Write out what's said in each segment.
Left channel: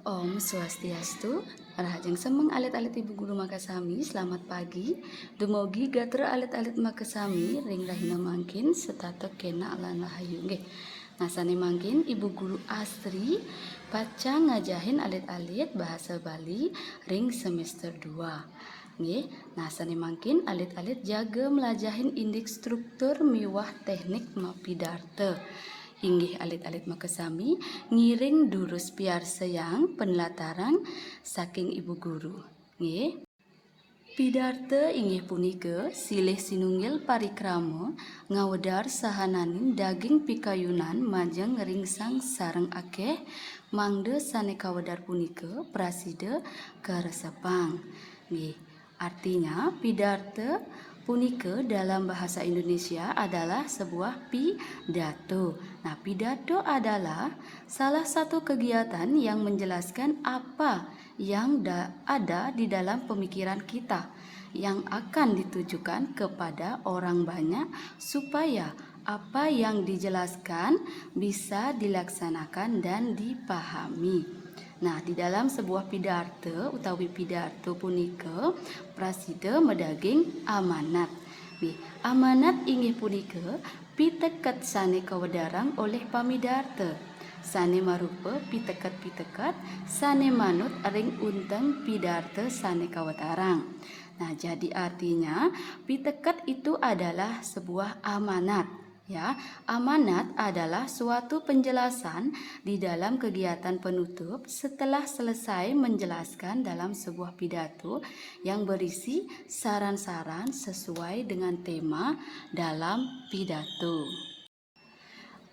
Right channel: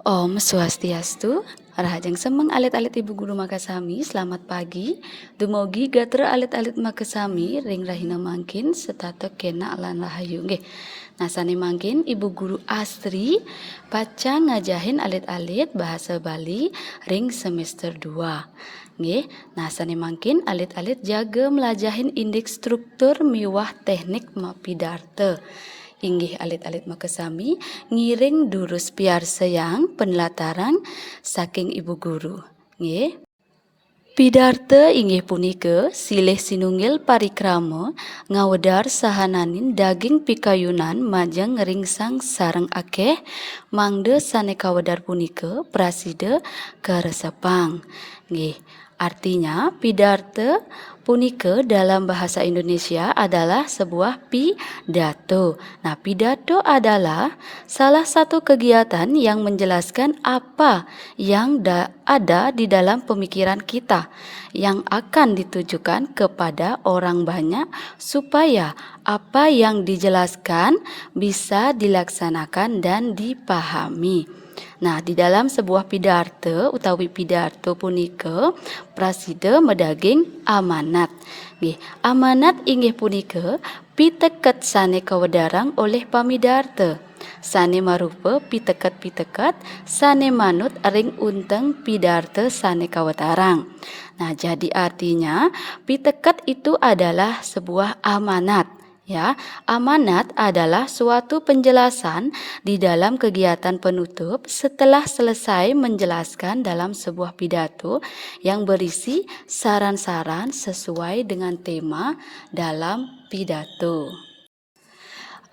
Om Swastiastu, Rahajeng Semeng alit-alit Ibu Guru Makasami, selamat pagi. Dumogi gatra alit-alit Makasami, ring rahina mangkin, setato kena lan rahayu. Nggih. Nasane mangkin Ibu Guru Astri, baca ngajahin alit-alit bahasa Bali, ring semester 2. Nggih, nasane mangkin alit-alit jaga melajahin indeks struktur miwah teknik mapidarte. Inggih alit-alit Makasami ngiring durus piar seyang penelataran saking Ibu Guru. Nggih. Pidarte inggih punika silih sinunggil parikrama ngawedar sahananin daging pikayunan majeng ringsang sareng akeh mangde sane kawedar punika prasida karesepang. Nggih. Artinya pidarte punika dalam bahasa Indonesia adalah sebuah pidato. Nah, pidato adalah salah satu kegiatan yang menjelaskan apa yang ada di dalam pemikiran kita yang akan ditujukan kepada orang banyak supaya apa yang dijelaskan bisa dilaksanakan dan dipahami. Nah, di dalam sebuah pidarte utawi pidato punika prasida medaging amanat. Nggih, amanat inggih punika piteket sane kawedarang oleh pamidarte. Sane marupa piteket-piteket sane manut ring unteng pidarte sane kawedarang. Nah, jadi artinya piteket itu adalah sebuah amanat. Ya, amanat adalah suatu penjelasan di dalam kegiatan penutup setelah selesai menjelaskan dalam sebuah pidato yang berisi saran-saran sesuai dengan tema dalam pidato.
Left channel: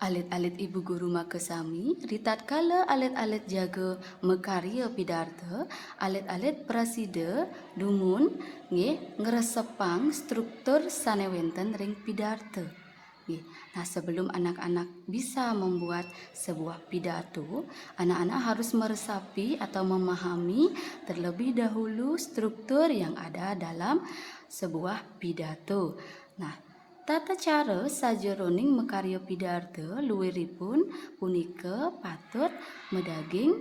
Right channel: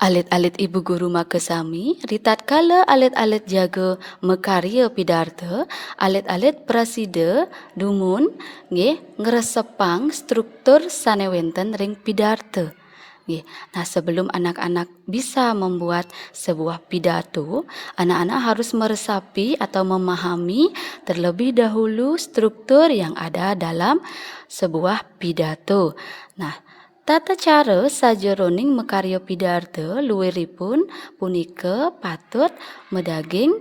Alit-alit Ibu Guru Makasami, ritatkala alit-alit jaga mekarya pidarte, alit-alit prasida dumun nggih ngresepang struktur sanewenten ring pidarte. Nggih. Nah, sebelum anak-anak bisa membuat sebuah pidato, anak-anak harus meresapi atau memahami terlebih dahulu struktur yang ada dalam sebuah pidato. Nah, tata cara sajeroning mekarya pidarte luwiripun punika patut medaging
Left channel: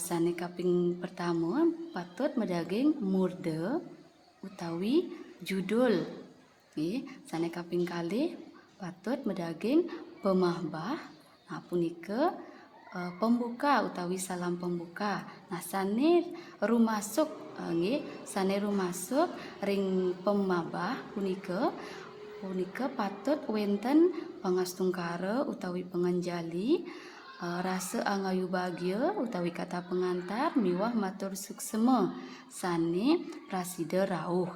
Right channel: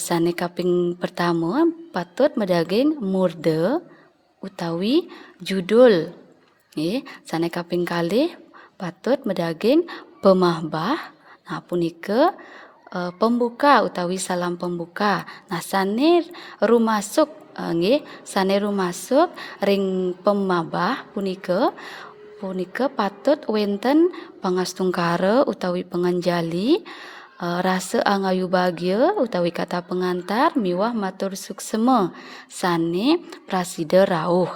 sane kaping pertama patut medaging murda utawi judul. Nggih, sane kaping kalih patut medaging pemahbah. Nah, punika pembuka utawi salam pembuka. Nah, sane rumasuk nggih, sane rumasuk ring pemabah punika patut wenten pangastungkara utawi penganjali rasa angayu bagya utawi kata pengantar miwah matur suksema sane prasida rawuh.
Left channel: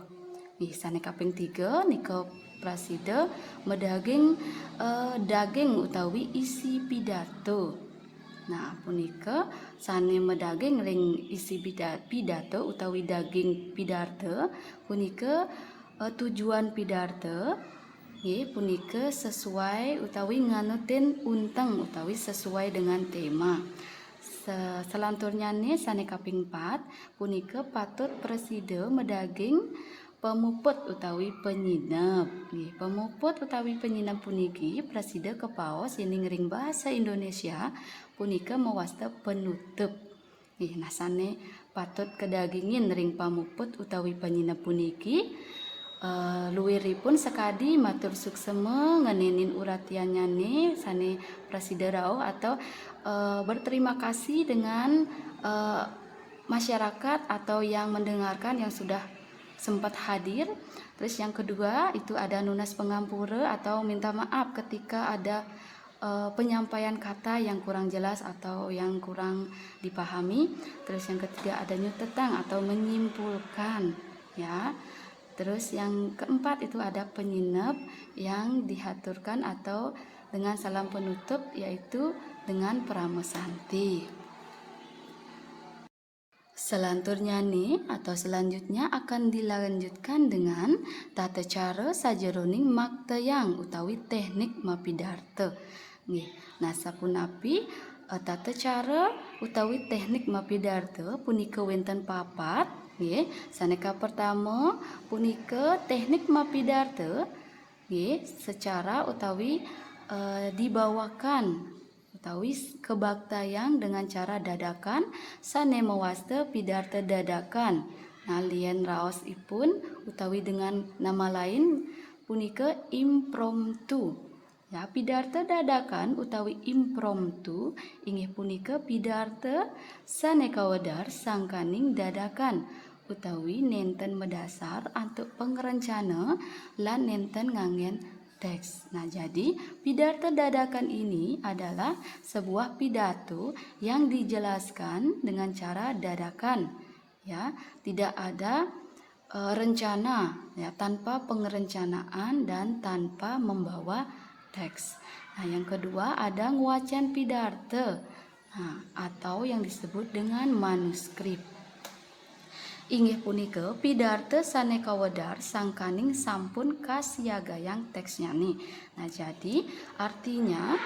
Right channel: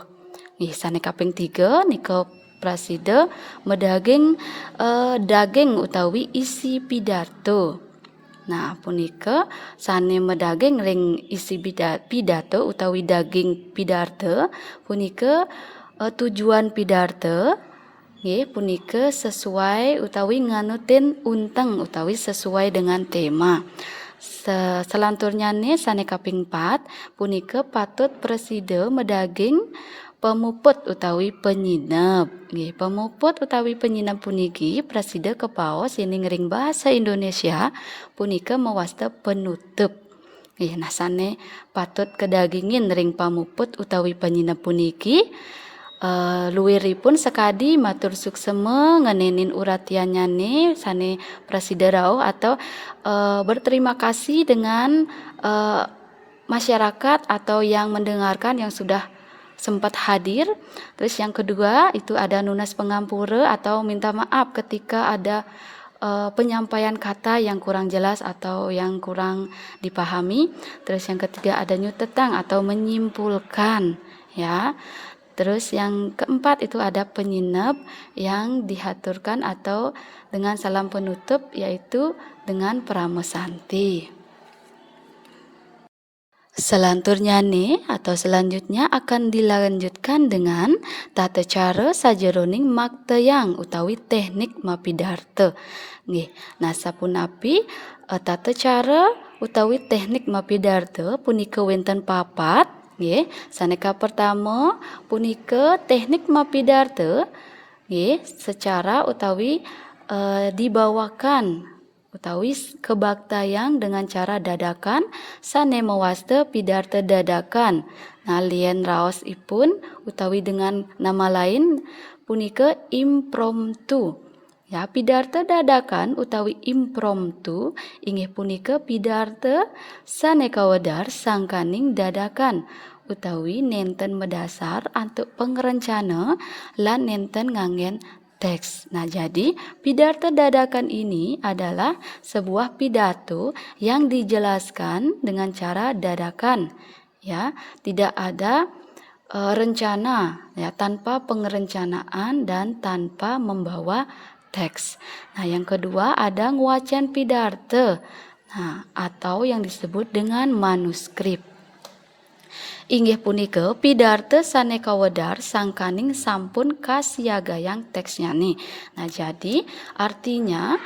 Nggih, sane kaping 3 nika prasida medaging daging utawi isi pidato. Nah, punika sane medaging ring isi pidato utawi daging pidarte punika tujuan pidarte nggih punika sesuai utawi nganutin unteng utawi sesuai dengan tema. Selanturnyane sane kaping 4 punika patut presida medaging pemuput utawi penyinep. Nggih, pemuput utawi penyinep puniki presida kepaos sining ring bahasa Indonesia punika mewasta penutup. Nggih, nah sane patut kedagingin ring pamuput utawi penyinep puniki luwiripun sekadi matur suksema ngenenin uratianyane sane presida rawuh atau berterima kasih dengan masyarakat atau yang mendengarkan yang sudah sempat hadir. Terus yang kedua itu ada nunas pengampura atau minta maaf ketika ada penyampaian kata yang kurang jelas atau yang kurang dipahami. Terus yang ketiga ada nyutetang atau menyimpulkan, ya. Terus yang keempat itu ada penyinep yang dihaturkan atau dengan salam penutup yaitu dengan pramesanti. Selanjutnya akan dilanjutkan dengan tata cara sajeroning maktayang utawi teknik mapidarte. Nggih, nah sapunapi tata cara utawi teknik mapidarte punika wenten papat. Nggih, saneka pertama punika teknik mapidarte nggih secara utawi dibawakan utawi kebaktayang dengan cara dadakan sane mewasta pidarta dadakan. Nah, lien raos ipun utawi dengan nama lain punika impromptu. Ya, pidarta dadakan utawi impromptu inggih punika pidarta sane kawedar sangkaning dadakan utawi nenten medasar untuk pengerencana lan nenten ngangen teks. Nah, jadi pidato dadakan ini adalah sebuah pidato yang dijelaskan dengan cara dadakan. Ya, tidak ada rencana, ya, tanpa pengerencanaan dan tanpa membawa teks. Nah, yang kedua ada nguacan pidato. Nah, atau yang disebut dengan manuskrip. Inggih punika pidarta sane kawedar sangkaning sampun kasiagayang teksnya nih. Nah, jadi artinya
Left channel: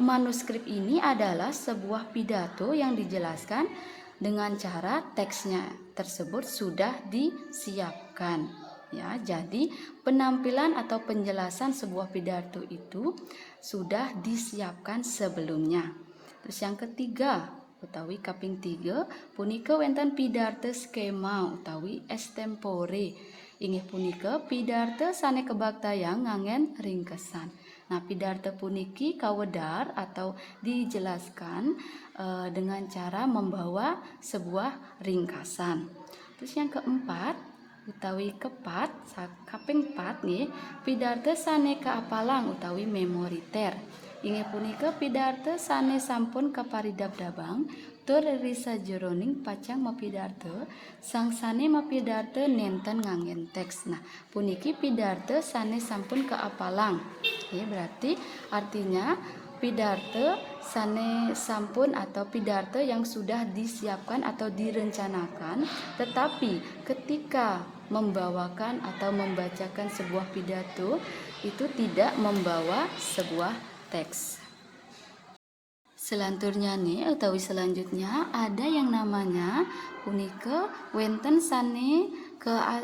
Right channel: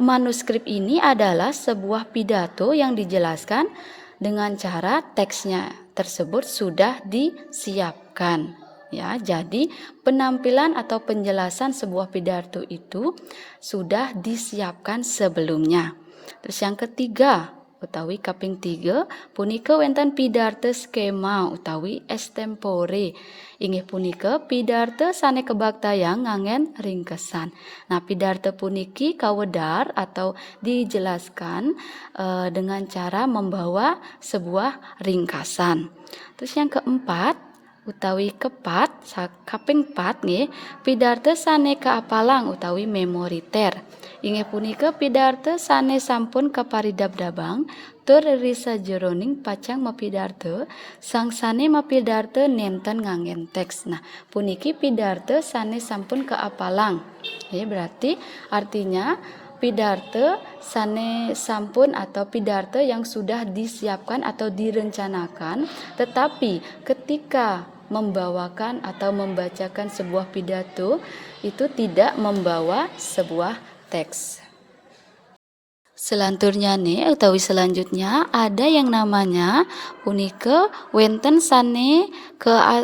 manuskrip ini adalah sebuah pidato yang dijelaskan dengan cara teksnya tersebut sudah disiapkan. Ya, jadi penampilan atau penjelasan sebuah pidato itu sudah disiapkan sebelumnya. Terus yang ketiga, utawi kaping 3 punika wonten pidarta skema utawi extempore. Inggih punika pidarta sane kebaktayang ngangen ringkesan. Nah, pidarta puniki kawedar atau dijelaskan dengan cara membawa sebuah ringkasan. Terus yang keempat utawi kepat kaping 4 nggih pidarta sane kaapalang utawi memoriter. Inggih punika pidarta sane sampun kaparidab-dabang tur risa jeroning pacang mapidarta sangsane mapidarta nenten ngangen teks. Nah, puniki pidarta sane sampun kaapalang. Ya, berarti artinya pidarta sane sampun atau pidarta yang sudah disiapkan atau direncanakan, tetapi ketika membawakan atau membacakan sebuah pidato itu tidak membawa sebuah teks. Selanturnya nih utawi selanjutnya ada yang namanya punika wenten sane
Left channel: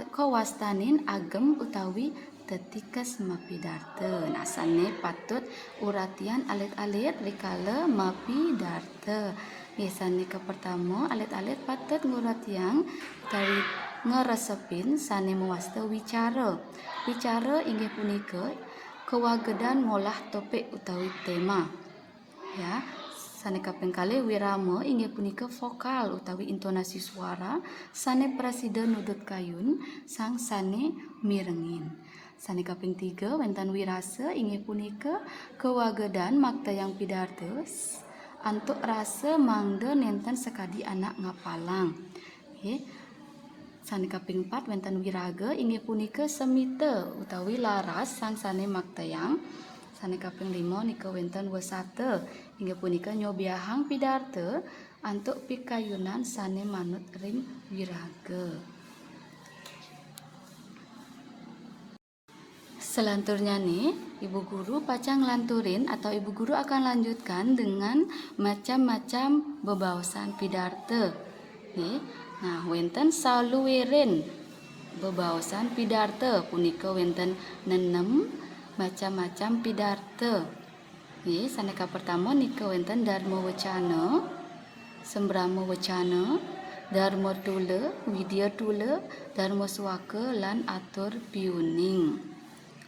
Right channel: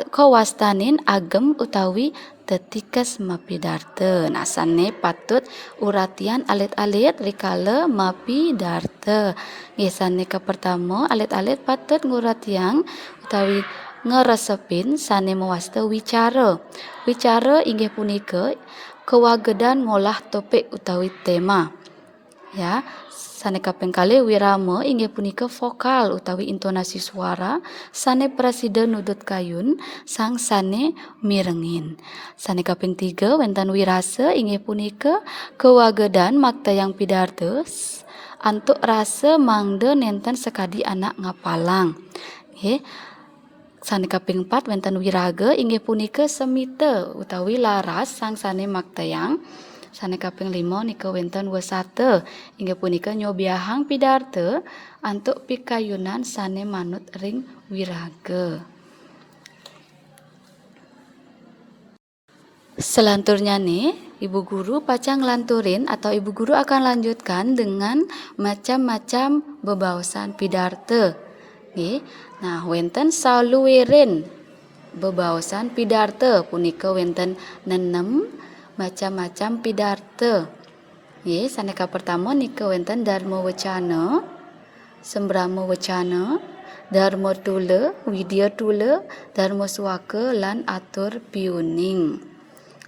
kewastanin agem utawi tetikes mapidarta. Nah, sane patut uratian alit-alit rikala mapidarta. Nggih, sane pertama alit-alit patut nguratian utawi ngeresepin sane mewasta wicara. Wicara inggih punika kewagedan ngolah topik utawi tema. Ya, sane kaping kalih wirama inggih punika vokal utawi intonasi suara sane prasida nudut kayun sang sane mirengin. Sane kaping 3 wonten wirasa inggih punika kewagedan maktayang pidarta antuk rasa mangda nenten sekadi anak ngapalang. Nggih. Sane kaping 4 wonten wiraga inggih punika semita utawi laras sang sane maktayang. Sane kaping 5 nika wonten wesata inggih punika nyobiahang pidarta antuk pikayunan sane manut ring wiraga. Selanturnya nih, Ibu Guru pacang lanturin atau Ibu Guru akan lanjutkan dengan macam-macam bebaosan pidarta. Nggih. Nah, wonten saluwiring bebaosan pidarta punika wonten 6 macam-macam pidarta. Nggih, saneka pertama nika wonten dharma wacana, sembrama wacana, dharma tula, widya tula, dharma suwaka lan atur piuning.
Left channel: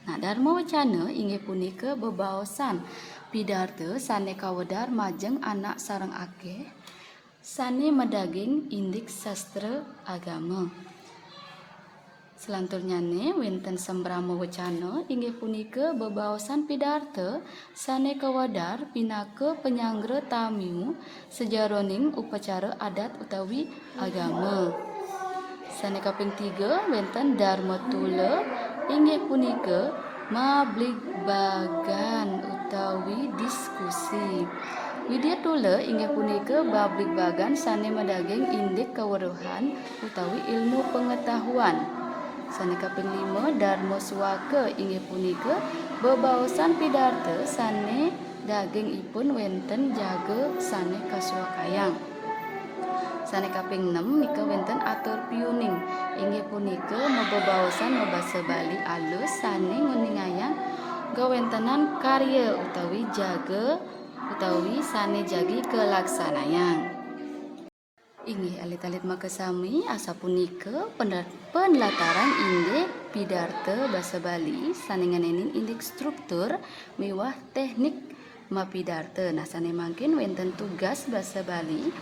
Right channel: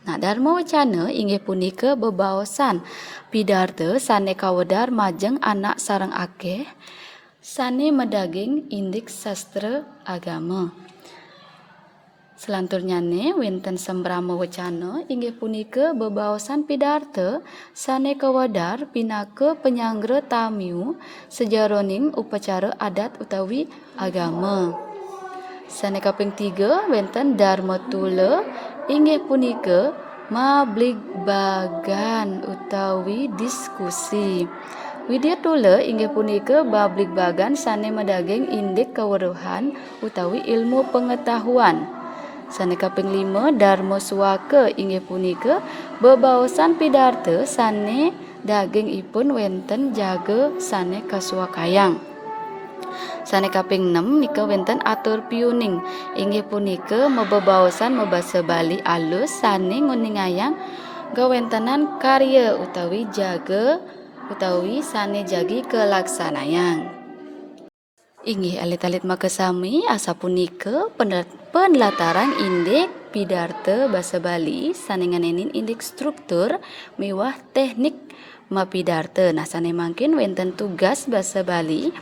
Nah, dharma wacana inggih punika bebaosan pidarta sane kawedar majeng anak sareng akeh sane medaging indik sastra agama. Selanturnya wonten sembrama wacana inggih punika bebaosan pidarta sane kawedar pinaka penyanggra tamiu sejaroning upacara adat utawi agama. Sane kaping 3 wonten dharma tula inggih punika mabligbagan utawi diskusi. Widya tula inggih punika babligbagan sane medaging indik kaweruhan utawi ilmu pengetahuan. Sane kaping 5 dharma suwaka inggih punika bebaosan pidarta sane dagingipun wonten jaga sane kasuwakayang. Sane kaping 6 nika wonten atur piuning inggih punika mebebaosan mebasa Bali alus sane nguningayang gawontenan karya utawi jaga utawi sane jagi kelaksanayang. Inggih alit-alit makasami asa punika penlataran indeks pidarta basa Bali sanenganenin indeks struktur miwah teknik mapidarta. Nah sane mangkin wenten tugas basa Bali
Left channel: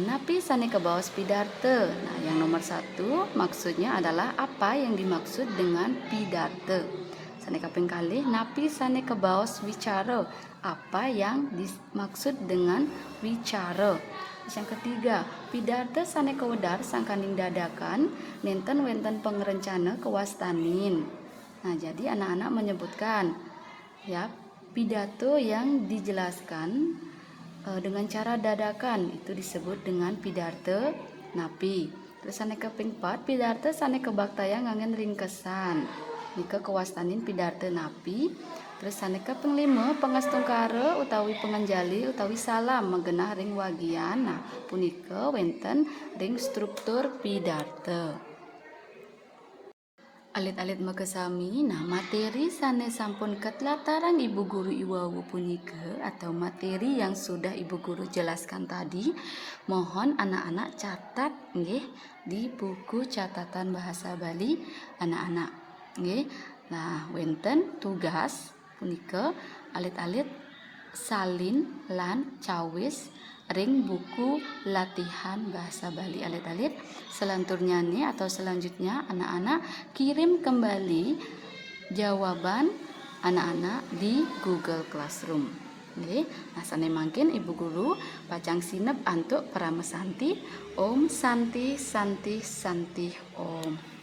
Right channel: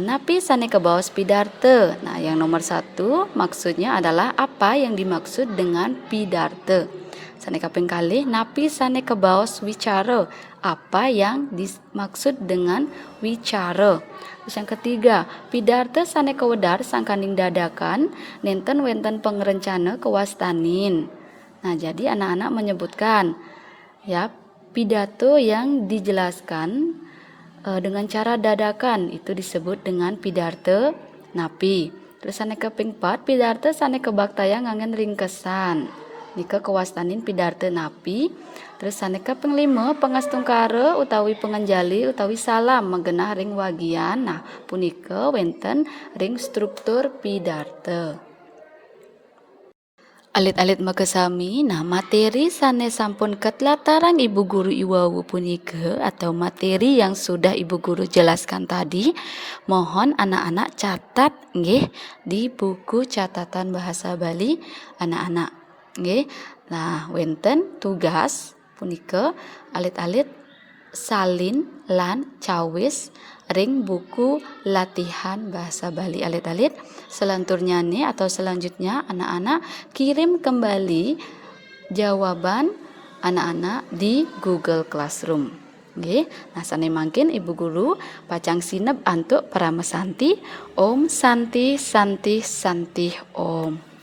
napi sane kebawas pidarta. Nah yang nomor 1 maksudnya adalah apa yang dimaksud dengan pidarta. Sane kaping kalih napi sane kebawas wicara, apa yang dimaksud dengan wicara. Terus yang ketiga, pidarta sane kewedar sangkanding dadakan nenten wenten pengerencana kewastanin. Nah, jadi anak-anak menyebutkan ya pidato yang dijelaskan dengan cara dadakan itu disebut dengan pidarta napi. Terus sane kaping 4, pidarta sane kebaktaya ngangen ringkesan. Nika kewastanin pidarta napi. Terus sane kaping 5, pangastungkara utawi pengenjali utawi salam menggenah ring wagian. Nah, punika wenten ring struktur pidarta. Alit-alit makasami, nah materi sane sampun ketlataran Ibu Guru Iwawu punika atau materi yang sudah Ibu Guru jelaskan tadi, mohon anak-anak catat nggih di buku catatan bahasa Bali anak-anak nggih. Nah, wenten tugas punika alit-alit salin lan cawis ring buku latihan bahasa Bali alit-alit. Selanturnya nih atau selanjutnya anak-anak kirim kembali jawaban anak-anak di Google Classroom. Nggih. Nah sane mangkin Ibu Guru pacang sinep antuk para mesanti. Om Santi Santi Santi Om.